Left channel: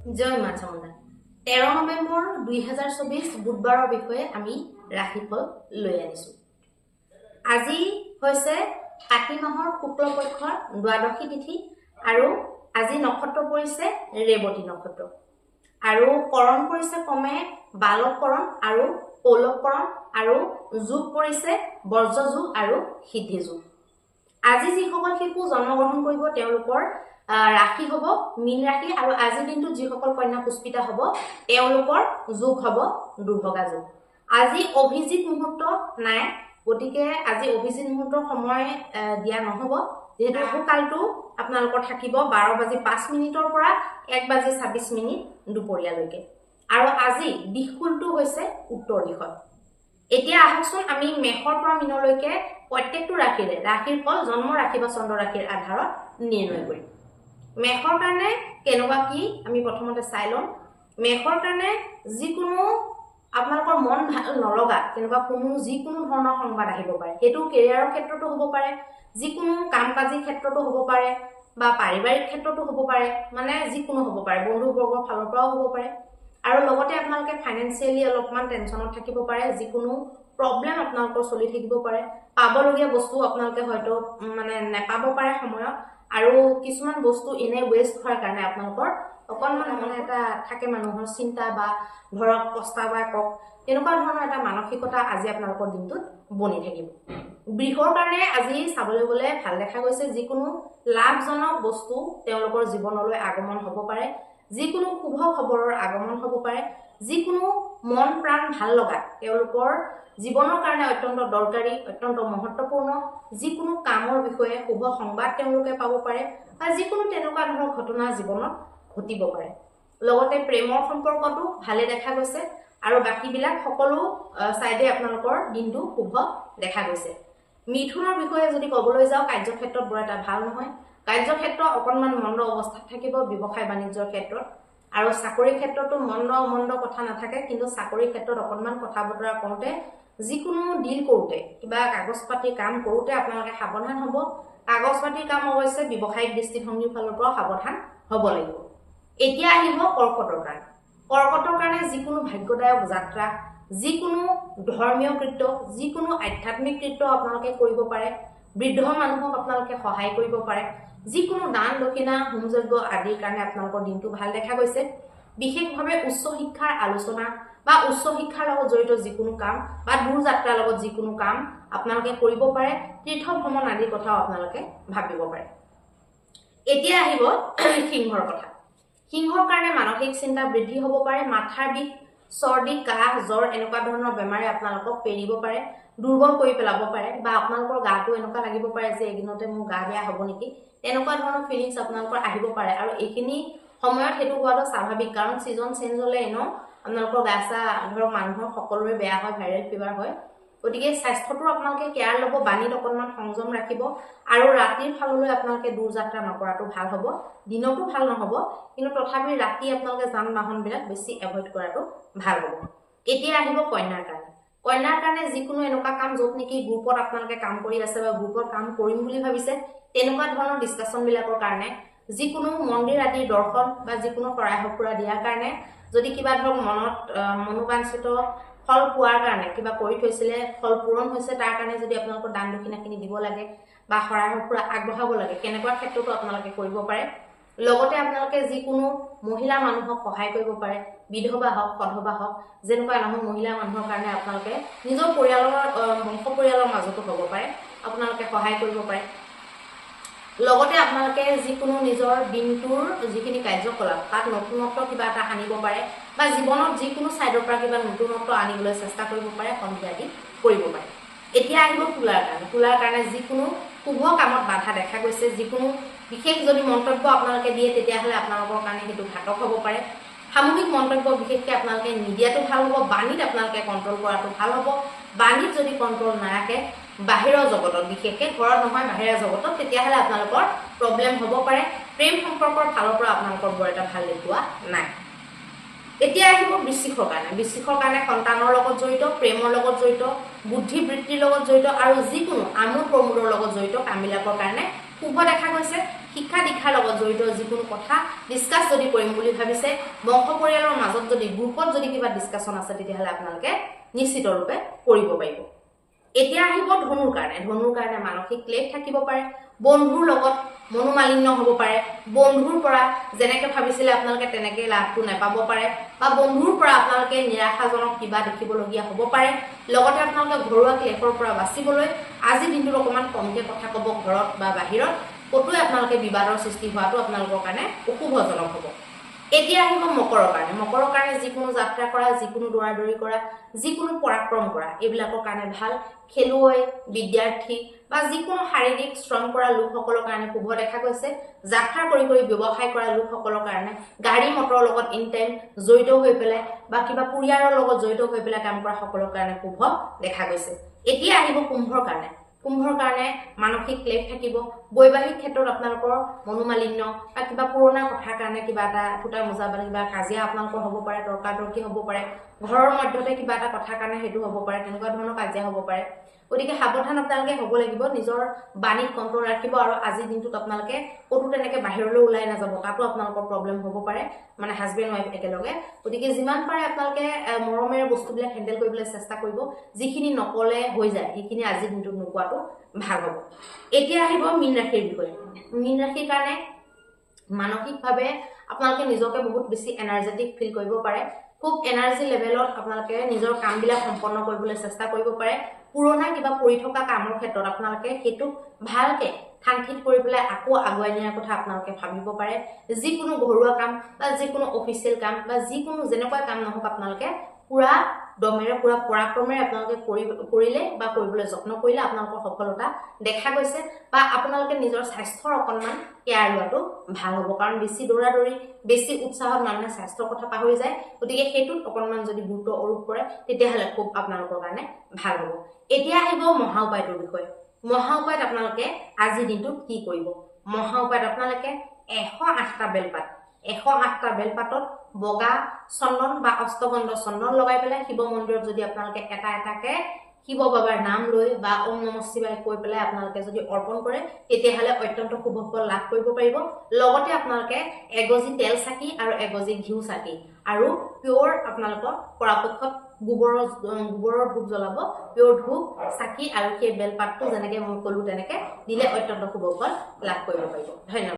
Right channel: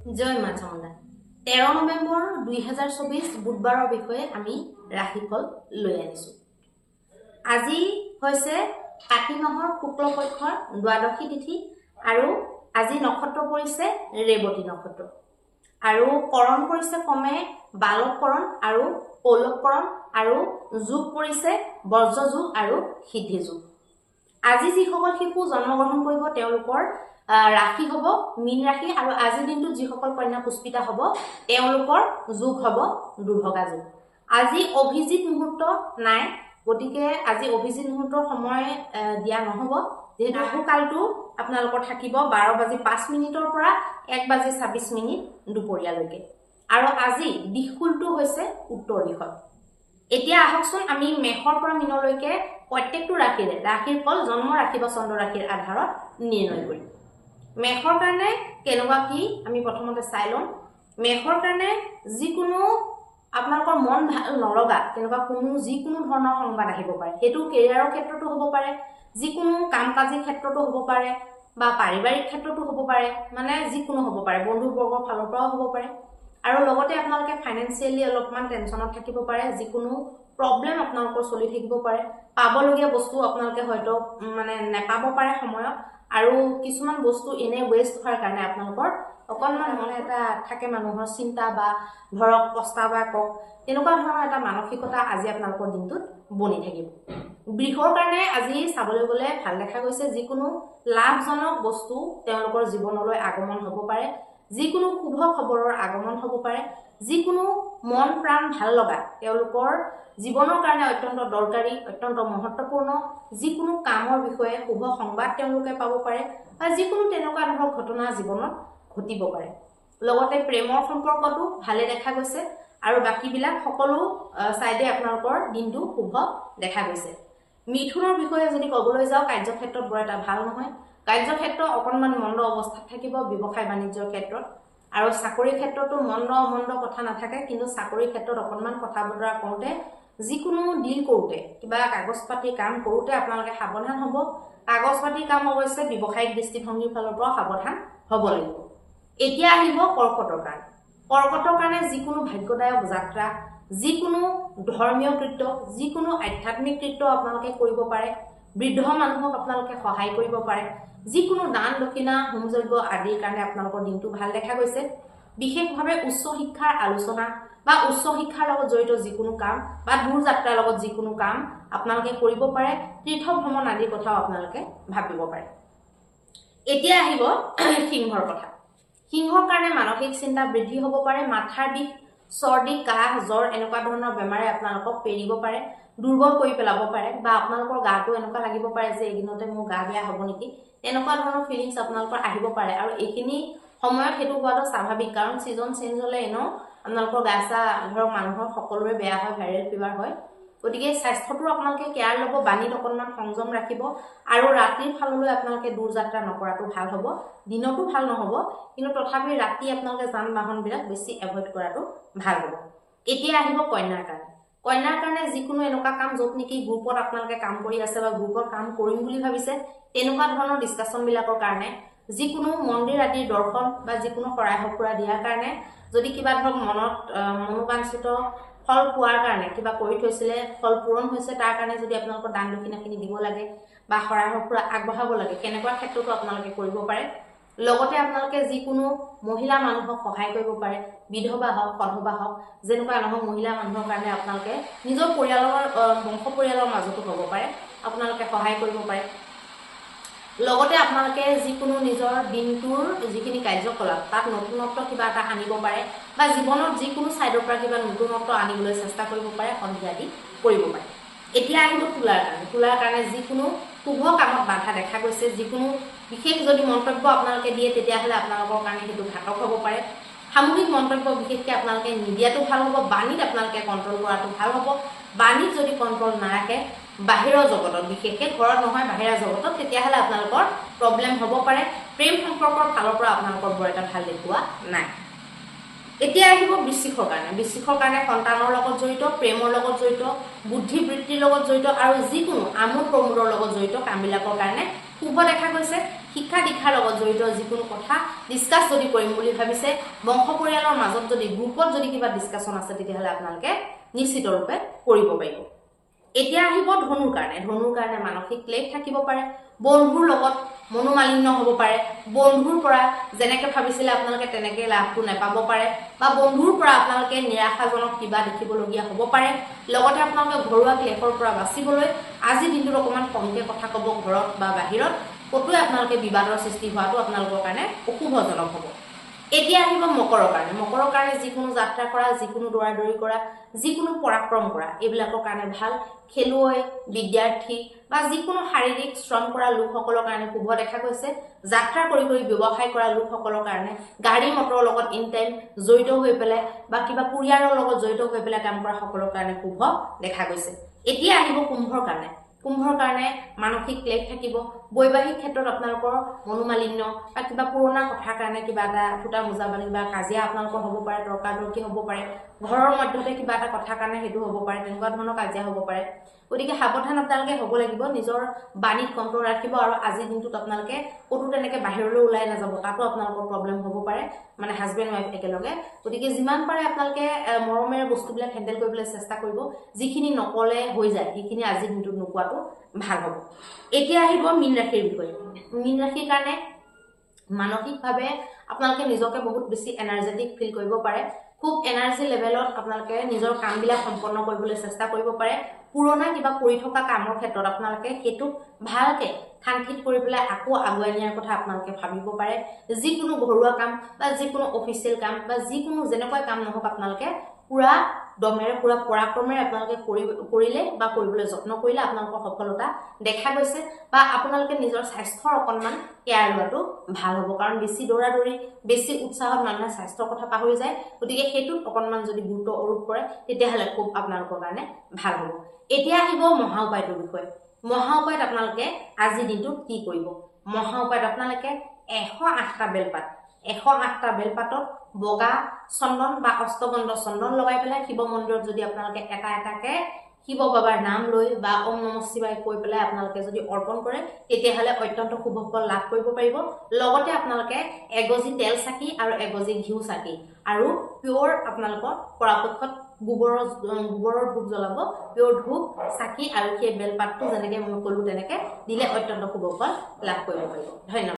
জয় মা চামুণ্ডা। 13 নৱেম্বৰ 2024 বুধবাৰৰ বিষয়ে আমি ৰাশিফল লৈ আনিছো। আজি হৈছে কাতি মাহৰ শুক্ল পক্ষৰ দ্বাদশী তিথি আৰু আজি নক্ষত্ৰ পৰিছে ৰেৱতী নক্ষত্ৰ আৰু কৰণ পৰিছে ক্ৰমে বালক কৰণ আৰু কৌলভ কৰণ আৰু যোগ পৰিছে বজ্ৰ যোগ আৰু সিদ্ধি যোগ। আজি যিসকল শিশু জন্মগ্ৰহণ কৰিব তেওঁলোকৰ ৰাশি হব মীন ৰাশি আৰু আজিৰ দিনটোত যিসকল কন্যা পুষ্পিতা হব তেওঁলোকৰ যোগ হব দুৰ্ভগা যোগ। আজি অভিজিত মুহূৰ্ত নাই, গতিকে আজি অভিজিত মুহূৰ্তৰ সময় দিয়া নহব, যেহেতু ৰাহুকালটো আপোনালোকৰ থাকিব 12:05 পৰা 1:26 দুপৰীয়ালৈকে আৰু আজি দিশকুলটো হৈছে উত্তৰ দিশত। এতিয়া আহকচোন আমি মেষৰ পৰা মীনলৈকে প্ৰত্যেকটো ৰাশিৰ ফল জন্ম ৰাশি বা চন্দ্ৰ ৰাশিৰ আধাৰত নিৰ্ণয় কৰিম। মেষৰ কাৰণে কেনেকুৱা কি আমি প্ৰথমতে চাই লম। মেষৰ কাৰণে যিকোনো আপোনালোকৰ মন ভাল নলগা তেনেকুৱা যিকোনো ধৰণৰ সংবাদ আহিব পাৰে, সেইটো কেৰিয়াৰৰ ক্ষেত্ৰতো হ'ব পাৰে, যিকোনো কাম কাজৰ ক্ষেত্ৰতো হ'ব পাৰে বা পাৰিবাৰিক ক্ষেত্ৰতো হ'ব পাৰে, মানে যিকোনো হ'ব পাৰে, বন্ধুবৰ্গৰ ফালৰ পৰাও হ'ব পাৰে আৰু লগতে আপোনালোকে ফাইনেন্সিয়েলি অলপমান টেনচনত থাকিব পাৰে, যিকোনো প্ৰব্লেম আপোনালোকৰ চলি থাকিব পাৰে, পাবলগীয়া বস্তু আপোনালোকে হয়তো মানে নেপাব পাৰে সময়ত আৰু কিছুমান বস্তু এনে ৱেষ্ট হোৱাৰ কাৰণে আপোনালোকৰ অকণমান মনে এটা থাকে মানুহৰ চিন্তা বা ধৰক পস্তাৱা কক তেনেকুৱা ধৰণৰ এটা মানসিকতা আজি আপোনালোকৰ দিনটোত বনি থাকিব। বৃষৰ কাৰণে আজি চাবলৈ গ'লে ভাল দেখা গৈছে, যিকোনো লাভজনক বস্তু তেওঁলোকৰ জীৱনলৈ আগমন হ'ব পাৰে, যিকোনো শুভ খবৰৰ আগমন হ'ব পাৰে, যিকোনো মন প্ৰাণ ভাল লগা তেওঁলোকৰ জীৱনৰ কাৰণে অত্যন্ত দৰকাৰী অত্যন্ত মহত্বপূৰ্ণ যিকোনো কামৰ বিষয়ে শুভ সংবাদ তেওঁলোকে পাব পাৰে বা যিকোনো তেনেকুৱা ধৰণৰ ঘটনা জীৱনত ঘটিব পাৰে। লগতে প্ৰেমৰ সম্পৰ্কটো ভালে দেখা গৈছে আৰু বাকীবিলাক সকলো চাইডে আপোনালোকৰ দিনটো শুভ দেখা গৈছে। মিথুনৰ বিষয়ে যদি ক'বলৈ যাওঁ, কাৰ্যক্ষেত্ৰত বৰ এটা ভাল নহয়, কাৰ্যক্ষেত্ৰ অকণমান মন্দ অৱস্থাত থাকিব ব্যৱসায় বাণিজ্যৰ ক্ষেত্ৰত আৰু চাকৰিৰ ক্ষেত্ৰতো মন্দ কথা নাথাকে, কিন্তু চাকৰিৰ ক্ষেত্ৰত অকণমান কথা বতৰা কৰোঁতে যিকোনো ডিল কৰোঁতে কিবা কাগজ পাতি কাম কৰোঁতে আপোনালোকে সাৱধান হ'ব। কাগজ পাতিৰ কাম অৱশ্যে ব্যৱসায়িক দৃষ্টিভংগীৰ ফালৰ পৰা সাৱধান হ'ব লাগিব। এতিয়া আহিব কৰ্কটৰ কাৰণে। কৰ্কটৰ কাৰণে যিকোনো ভাগ্যদায়ক যাত্ৰা, যিকোনো ধৰ্মীয় কৃত্য, যিকোনো আধ্যাত্মিক কৃত্য আপোনালোকে কৰিব পাৰে, বৃদ্ধ মানুহক আপোনালোকে সহায় কৰিব পাৰে, যিকোনো দান দক্ষিণা হোম যজ্ঞ আদিৰ কাৰণে আপোনালোকৰ দিনটো ভাল দেখা গৈছে। বিশেষভাৱে উচ্চ শিক্ষাৰ আলোচনা বা উচ্চ শিক্ষাৰ লগত জড়িত যিকোনো কাম বা দূৰ যাত্ৰাৰ লগত যিকোনো কাম আপোনালোকে কৰিব পাৰে, তীৰ্থ ভ্ৰমণ আদিৰ কথাও আপোনালোকে ভাবিব পাৰে। এতিয়া আহিব সিংহৰ কথা। সিংহৰ কাৰণে মানসিক চিন্তা বৃদ্ধি হ'ব পাৰে, মাথাৰ বিষ, চৰ্দি, কাহ, জ্বৰ এনেকুৱা ধৰণৰ বেমাৰে আপোনালোকক পেৰিব পাৰে, দুৰ্বল কৰি পেলাব পাৰে বা আপোনালোকৰ গাটো এনেকুৱা লাগিব পাৰে যে এদিনতে মোৰ গা বেয়া হ'ব নেকি, তেনেকুৱা ধৰণৰ ফিলিংছ আপোনালোকৰ আহিব পাৰে আৰু এইখিনি সময়ত সেইটো হোৱাটো স্বাভাৱিক, কাৰণ ছিজন চেঞ্জ হ'লে এনেও আপোনালোকৰ গা চা ধৰক মানুহৰ সকলোৰে বেয়া হয়, ভাইৰেল ফিভাৰ হয়, গতিকে স্বাস্থ্যটো আপোনালোকে কেয়াৰ ল'ব, বাণীত অকণমান সংযম ৰাখিব আৰু ৰাতিৰ ফাললৈ আপোনালোকে দূৰ যাত্ৰা নকৰাটো ভাল হ'ব। দিনতো ভাল নহ'ব, কিন্তু তথাপি ৰাতি আপোনালোকে যান বাহনবিলাক বেছি এভইড কৰাটো ভাল হ'ব। এতিয়া আহিব কন্যাৰ কাৰণে। কন্যাৰ কাৰণে যিকোনো এনেকুৱা কাম য'ত নেকি গ্ৰুপত আপোনালোকে কাম কৰি আছে বা গ্ৰুপত কাম কৰিম বুলি ভাবিছে, তেনেকুৱা ধৰণৰ ডিছকাশ্যনবিলাকৰ কাৰণে, যিকোনো মন্দিৰ আদিৰ দৰ্শন বা যিকোনো শৰাই সঁফুৰা দিয়াৰ কাৰণে, যদি কিবা ধৰক মনত মনোবাঞ্ছিত ফল পোৱাৰ কাৰণে কিবা কৰি থৈছিলে, ফল পূৰণ হৈছে, তাৰ কাৰণে যদি আপোনালোকৰ দান দক্ষিণাখিনি দিব লাগে বা শৰাই সঁফুৰা আগবঢ়াব লাগে, কেনেকুৱা ক্ষেত্ৰতো আপোনালোকে কৰিব পাৰে। লগতে আপোনালোকে যিকোনো মহিলা মানুহক সহায় কৰিব পাৰে, বিধৱা হওক সধৱা হওক, যেনেকুৱা নহওক মহিলা মানুহৰ কাৰণে আপোনালোকে নিজৰ পৰিয়ালৰ বংশ পৰিয়ালৰ মাজতো হ'ব পাৰে, আপোনালোকে সহায় কৰিব পাৰে। লগতে আপোনালোকে যিকোনো নিজৰ দিনটোৰ যিখিনি কাৰ্যকলাপ তাত নতুনত্ব কিবা এটা আনিব পাৰে বা জীৱনত যিকোনো ছাইডৰ পৰা কিবা নতুনত্ব আনিবলৈ চেষ্টা কৰিব পাৰে, সন্ধিয়া আদি কৰিব পাৰে। এতিয়া আহিব তুলাৰ কাৰণে। তুলাৰ কাৰণে যিকোনো শুভ কামত বাধা দেখা গৈছে, যিকোনো বিশেষ যদি মন্তব্য আপোনালোকে দিয়ে তেতিয়াহ'লে আপোনালোকৰ কাৰণে সেইটো ঘাতক হ'ব পাৰে। সামূহিক মন্তব্য বিশেষকৈ আপোনালোকে নিদিয়াটো ভাল হ'ব, বাণীত আপোনালোকে কণ্ট্ৰল কৰাটো ভাল হ'ব। বাণীত যদি কণ্ট্ৰল নাৰাখে বাহিৰৰ জগতত, বিশেষকৈ ঘৰত নহয় বাহিৰৰ জগতত, তেতিয়াহ'লে আপোনালোকৰ প্ৰব্লেম হ'ব পাৰে। প্ৰেম সম্পৰ্কৰ ফালৰ পৰা আপোনালোকৰ বৰ এটা ভাল দেখুওৱা নাই। এতিয়া আহিব বৃশ্চিকৰ কাৰণে। বৃশ্চিকৰ কাৰণে সন্তানৰ লগত জড়িত, প্ৰেমৰ লগত জড়িত, বুদ্ধিবৃত্তিৰ লগত জড়িত আৰু যিকোনো আমোদ প্ৰমোদৰ লগত জড়িত কামবিলাকৰ কাৰণে শুভ দেখা গৈছে। শিক্ষা দীক্ষাৰ লগত জড়িত যিকোনো কথা ডিসকাস যদি কৰিম বুলি ভাবিছে বংশ পৰিয়ালৰ মাজত যদি গ্ৰুপত যদি কিবা ডিসকাশন আছে তেতিয়াহলে আপোনালোকে নিশ্চিত ৰূপে কৰিব পাৰিব এতিয়া আহিব ধনুৰ কাৰণে মানসিক ক্লেশ থাকিব পাৰে বন্ধুৰ লগত মনোমালিন্য হ'ব পাৰে বন্ধুৰ পৰা যেনেকৈ ভাবিছিলে আপোনালোকে তেনেকৈ লাভটো নাপাব পাৰে বা বন্ধুৰ পৰা আপোনালোকে নিৰাশাজনক কিবা দেখিবলগীয়া হ'ব পাৰে লগতে আপোনালোকে ঘৰুৱা ক্লেশৰ পৰা বাচিবলৈ আজি দিনটোত অকমান কমকে কথা ক'ব ঘৰত বা বাহিৰত কতোৱে আপোনালোকে বিবাদৰ সৃষ্টি হোৱাটো আপোনালোকৰ কাৰণে অশুভজনক হ'ব এতিয়া আহিব মকৰৰ কাৰণে যিকোনো যাত্ৰা কৰা যিকোনো দৌৰাদৌৰি কৰা যিকোনো পৰাক্ৰম কৰা এইবিলাকৰ কাৰণে ভাল খেলুৱৈ বিদ্যাৰ্থী বা যিকোনো শাৰীৰিক শ্ৰম কৰা লোকসকলৰ কাৰণে শুভ দেখা গৈছে যাত্ৰা কৰি ব্যৱসায় কৰা লোকসকলৰ কাৰণে গাড়ী মটৰৰ লগত ইন টাইম জড়িত হৈ পেলাই বা কিবা পৰিয়ালৰ লগত জড়িত হৈ পেলাই কাম কৰা সকলৰ কাৰণে শুভ দেখা গৈছে এতিয়া আহিব কুম্ভৰ কাৰণে মানসিক ক্লেশ থাকিব বৈবাহিক ক্ষেত্ৰত আপোনালোকৰ মনোমালিন্য বা কিবা পুৰণা কথাৰ কাৰণে কিবা এটা ফুটা মোজা বা কিবা কাজিয়া আপোনালোকৰ হ'ব পাৰে তৰ্কাতৰ্কি হ'ব পাৰে ঘৰৰ মধ্যতে কিবা এটা কথাৰ কাৰণে হেতু হ'ব পাৰে তেনেকুৱা ধৰণৰ কাজিয়া হ'ব পাৰে গতিকে সাৱধান আপোনালোকে হ'ব লাগিব নিজৰ বাণীত কন্ট্ৰল ৰাখিব আৰু আজি দিনটোত আপোনালোকে কতো তেনেকে বাহিৰলৈ ওলাই নাযাব তাতো আপোনালোকৰ প্ৰবলেম হ'ব পাৰে মানে হাজবেণ্ড ওয়াইফ একেলগে গতিকে যিমান পাৰে আপোনালোকে মৰমেৰে বস্তুবিলাক হ্যান্ডেল কৰিবলৈ চেষ্টা কৰিব যিখিনি নকলে হৈ যায় সেইখিনি আজি দিনটোত নোকোৱাটো ভাল হ'ব এতিয়া আহিব মীন ৰাশিৰ বিষয়ে মীন ৰাশিৰ কাৰণে মানসিকভাৱে আপোনালোকে নিজকে বহুত বেছি এনাৰ্জেটিক ফিল কৰিব পাৰে খুব এনাৰ্জি লেভেলত আপোনালোকে নিজৰ কামবিলাক সম্পন্ন কৰিবলৈ চেষ্টা কৰিব পাৰে পুৰণা কিবা কৰি থকা কামৰ ক্ষেত্ৰত আপোনালোকে হেতু ভালকে ঠানঠিত কৰি পেলাই আকৌ আগুৱাই নিয়াৰ কথা আপোনালোকে ভাবিব পাৰে যিকোনো ঘৰুৱা কাম বা যিকোনো অফিচিয়েল কাম বা যিকোনো যেনেকুৱা কাম নহওক আপোনালোকে পুৰা দমেৰে পুৰা পৰাক্ৰমেৰে আপোনালোকে কৰিলে বা কৰিবলৈ যত্ন কৰিলে আপোনালোকৰ সফলতা দেখা গৈছে বা আপোনালোকে নিজৰ স্বাস্থ্যৰ অকণমান কেয়াৰ লোৱাটো ভাল হ'ব কাৰণ বেছি দৌৰাদৌৰি বেছি উৎসাহত মানুহে স্বাস্থ্যৰ কথা পাহৰি যায় গতিকে হেতুত অকণমান যদি গুৰুত্ব আৰোপ কৰে তেতিয়াহলে খুব আপোনালোকৰ কাৰণে ভাল হ'ব এতিয়া আহিব মহা উপায়টোৰ বিষয়ে মহা উপায়ত আপোনালোকে আজি দিনটোত কি কৰিব মহা উপায়ত আপোনালোকে 108টা বেলপাতত বগা চন্দন বা অষ্টগন্ধ চন্দন লগাই পেলাই শিৱ মন্দিৰত যদি আপোনালোকে এটা এটাকে শিৱ বাবাৰ নাম লৈ বা ওম নমঃ শিৱায় কৈ পেলাই আপোনালোকে যদি অৰ্পণ কৰে তেতিয়াহলে অত্যন্ত শুভ ফল লাভ কৰিব পাৰিব লগতে আপোনালোকে এগজি তেল চাকি আৰু এগজি ঘিউ চাকি আৰু পিওৰ আপোনালোকৰ পৰাপক্ষত গোবৰৰ ধূপ জ্বলাব পিওৰ ধূপ চাকি আৰু সেই বেলপাতটো যেনেকৈ মই ক'লো তেনেকৈ দিলে অত্যন্ত শুভ ফল লাভ কৰিব পাৰিব ধন্যবাদ